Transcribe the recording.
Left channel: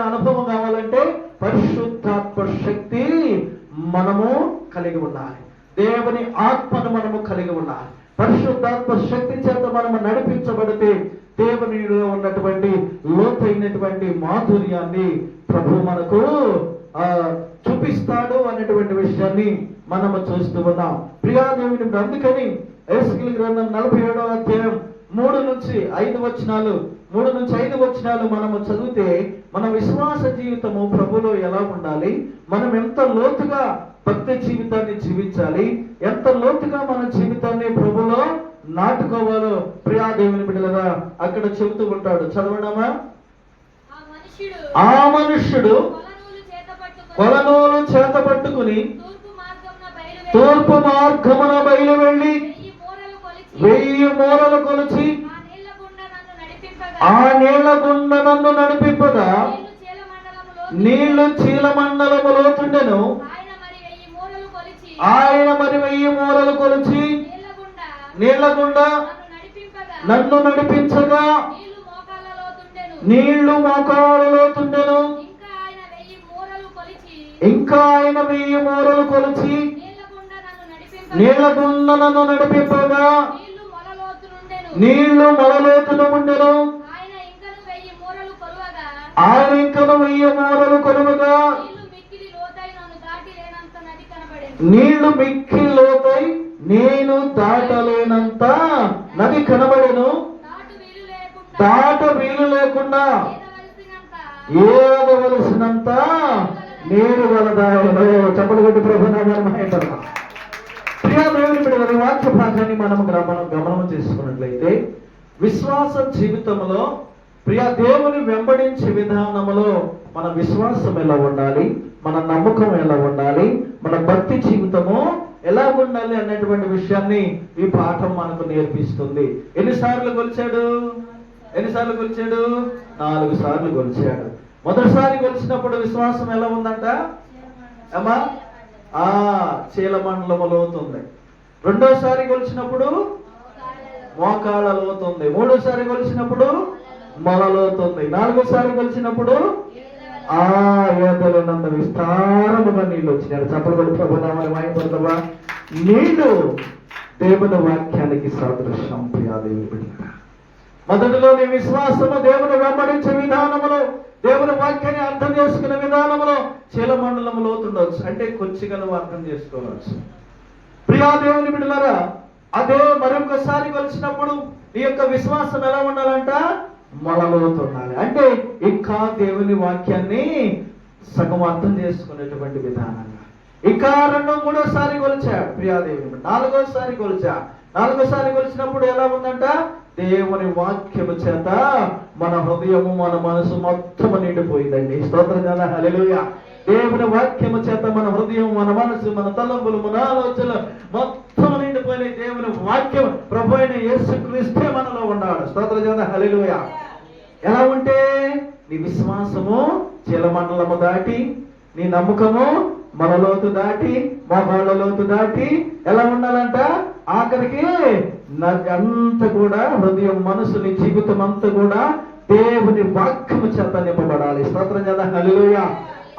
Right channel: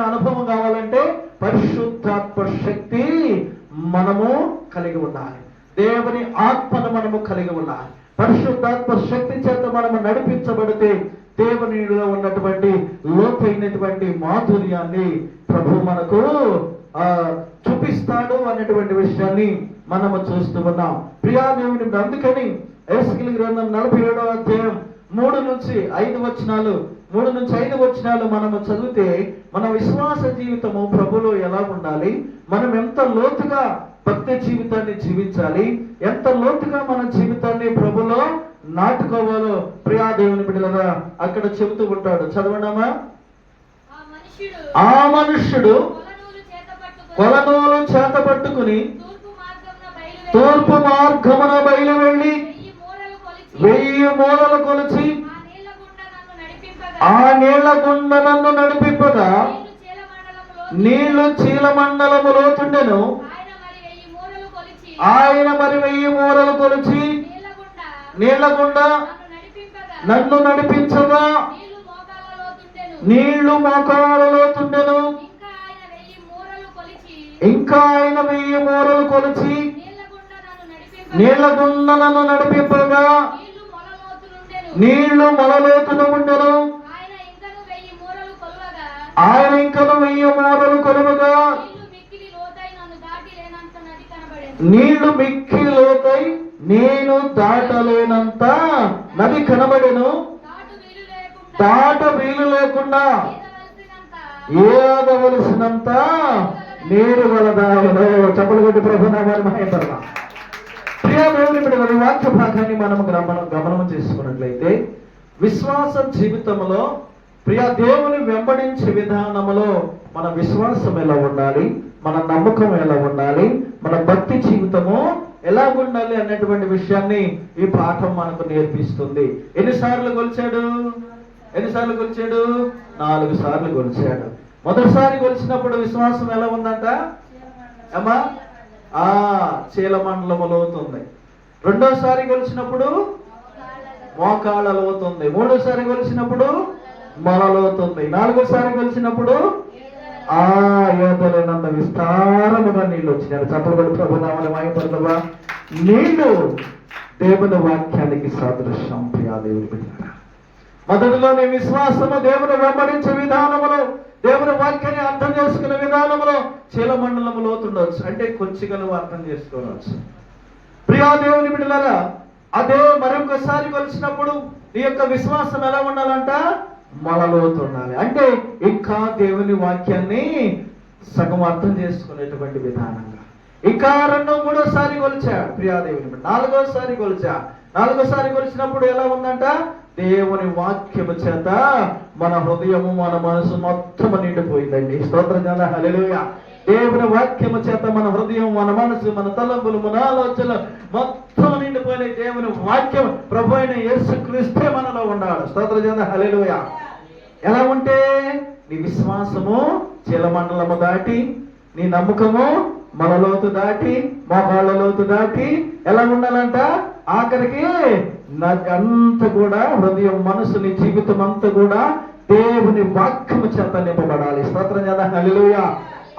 కలిగిన అనుభవం కావాలంటే పరిశుద్ధాత్మ శక్తి మనము కలిగి ఉండాలి. దేవుని ఆత్మను మనము కలిగి ఉండాలి. పరిశుద్ధాత్మ శక్తి చేత మనము నడిపించబడితే దేవునిలో ఉన్నటువంటి లోతైనటువంటి మాధుర్యాన్ని ప్రభు మనకు చూపిస్తాడు అనేటువంటి విషయాన్ని మనము చూస్తూ ఉన్నాం. ప్రియా దేవుని, అందుకని ఎహెజ్కేలు గ్రంథం 47వ అధ్యాయం 3 నుంచి 5 వచనాలు మనము చదివితే మన విశ్వాస జీవితము ప్రభులో ఎలా ఉండాలి, మనం ఎంత లోతుగా భక్తి జీవితాన్ని జీవించాలి, ఎంత లోతుగా మన జీవితాన్ని ప్రభులో నాటుకోవాలో ప్రియా దేవుని బిడ్డలారా అక్కడ చెబుతూ ఉంటాడు. చదవడమా? ఆ మనుష్యుడు కొలనూలు చేత పట్టుకుని తూర్పు మార్గమున బయలు వెళ్ళి 1000 మూరలు కొలిచి ఆ నీళ్ల గుండా నన్ను నడిపింపగా నీళ్లు చీలమండలము లోతుండెను. ఆయన మరి 1000 మూరలు కొలిచి నీళ్ల గుండా నన్ను నడిపించగా నీళ్లు మోకాళ్ళ లోతుండెను. ఇంకా ఆయన 1000 మూరలు కొలిచి నీళ్ల గుండా నన్ను నడిపింపగా నీళ్లు మొలలోతున ఉండెను. ఆయన ఇంకను 1000 మూరలు కొలువగా నీళ్లు మిక్కిలి లోతై నేను దాటలేనంత నది కనబడెను. దాట వీలు లేకుండా ఏదవలసినంత నీరు గలదాయలో. చెప్పలు కొట్టి ప్రభు నామాన్ని మహిమపరచు. ప్రియ దేవుని బిడ్డలారా, వాక్య భాగాన్ని మనం గమనం చేసుకున్నట్లయితే విశ్వాస జీవితంలో ప్రియ దేవుని వెంబడించే విధానంలో మన విశ్వాసం ఎలా ఉండాలి, మన నమ్మకం ఎలా ఉండాలి, మన భక్తి జీవితము ఎలా ఉండాలి అన్నటువంటి విషయాన్ని ఈ పాఠం మనకు నేర్పిస్తుంది. ఎన్నిసార్లు కొలిచాడు? 4 సార్లు కొలిచాడు. మొదటిసారి కొలిచినప్పుడు విశ్వాసం ఎలా ఉందంట అమ్మా? చీలమండలము లోతుంది. రెండోసారి కొలిచినప్పుడు మోకాళ్ళ లోతుంది. మూడోసారి కొలిచినప్పుడు మొలలోతుంది. 4వసారి కొలిచినప్పుడు ఏదైనంత విస్తారముగా నీళ్ళు వచ్చినాయి. చెప్పబడి ప్రభునామాన్ని మహిమపరచుగా. నీళ్లు దేవుని వాక్యానికి సాదృశ్యం. ప్రియాదేవి బిడ్డ, మొదటిలో నీ విశ్వాసము దేవుని వెంబడించే విధానములో, దేవుని వాక్యాన్ని అర్థం చేసుకునే విధానంలో చీలమండలము లోతుండవచ్చు, అంటే కొంచెం అర్థం చేసుకోవచ్చు. ప్రియా దేవుని బిడ్డలారా, అదే మరొకసారి కొలిచినప్పుడు నీ యొక్క విశ్వాసం ఎలా ఉండాలంట? మొలలోతుండాలి. అంటే ఇంకా దేవుని వాక్యాన్ని సగం అర్థం చేసుకునేటువంటి విధానంగా. ఇంకా 2-3సారి కొలిచాడు ప్రియాదేవుని. 4వసారి కొలిచినప్పుడు ఎలా ఉందంట? దేవుని వాక్యము చేత మన హృదయము, మన మనసు మొత్తం నిండిపోయిందండి. స్తోత్రం కదా, హల్లెలూయా. దేవుని వాక్యము చేత మన హృదయం, మన మనసు, మన తలంపులు, మన ఆలోచనలు మొత్తం నిండిపోయిన దేవుని వాక్యం ప్రభు అయిన యేసుక్రీస్తే మనలో ఉన్నాడు. స్తోత్రం కదా, హల్లెలూయా. ఎలా ఉంటే నీ విశ్వాసము చీలమండలము దాటి, నీ నమ్మకము మనలోతు దాటి, మోకాళ్ళ లోతు దాటి ఎలా ఉండాలంట? ఆఖరికి అంతా కూడా హృదయం, మనసు, నీ జీవితం అంతా కూడా దేవుని వాక్యము చేత నింపబడాలి. స్తోత్రం కదా, హల్లెలూయా.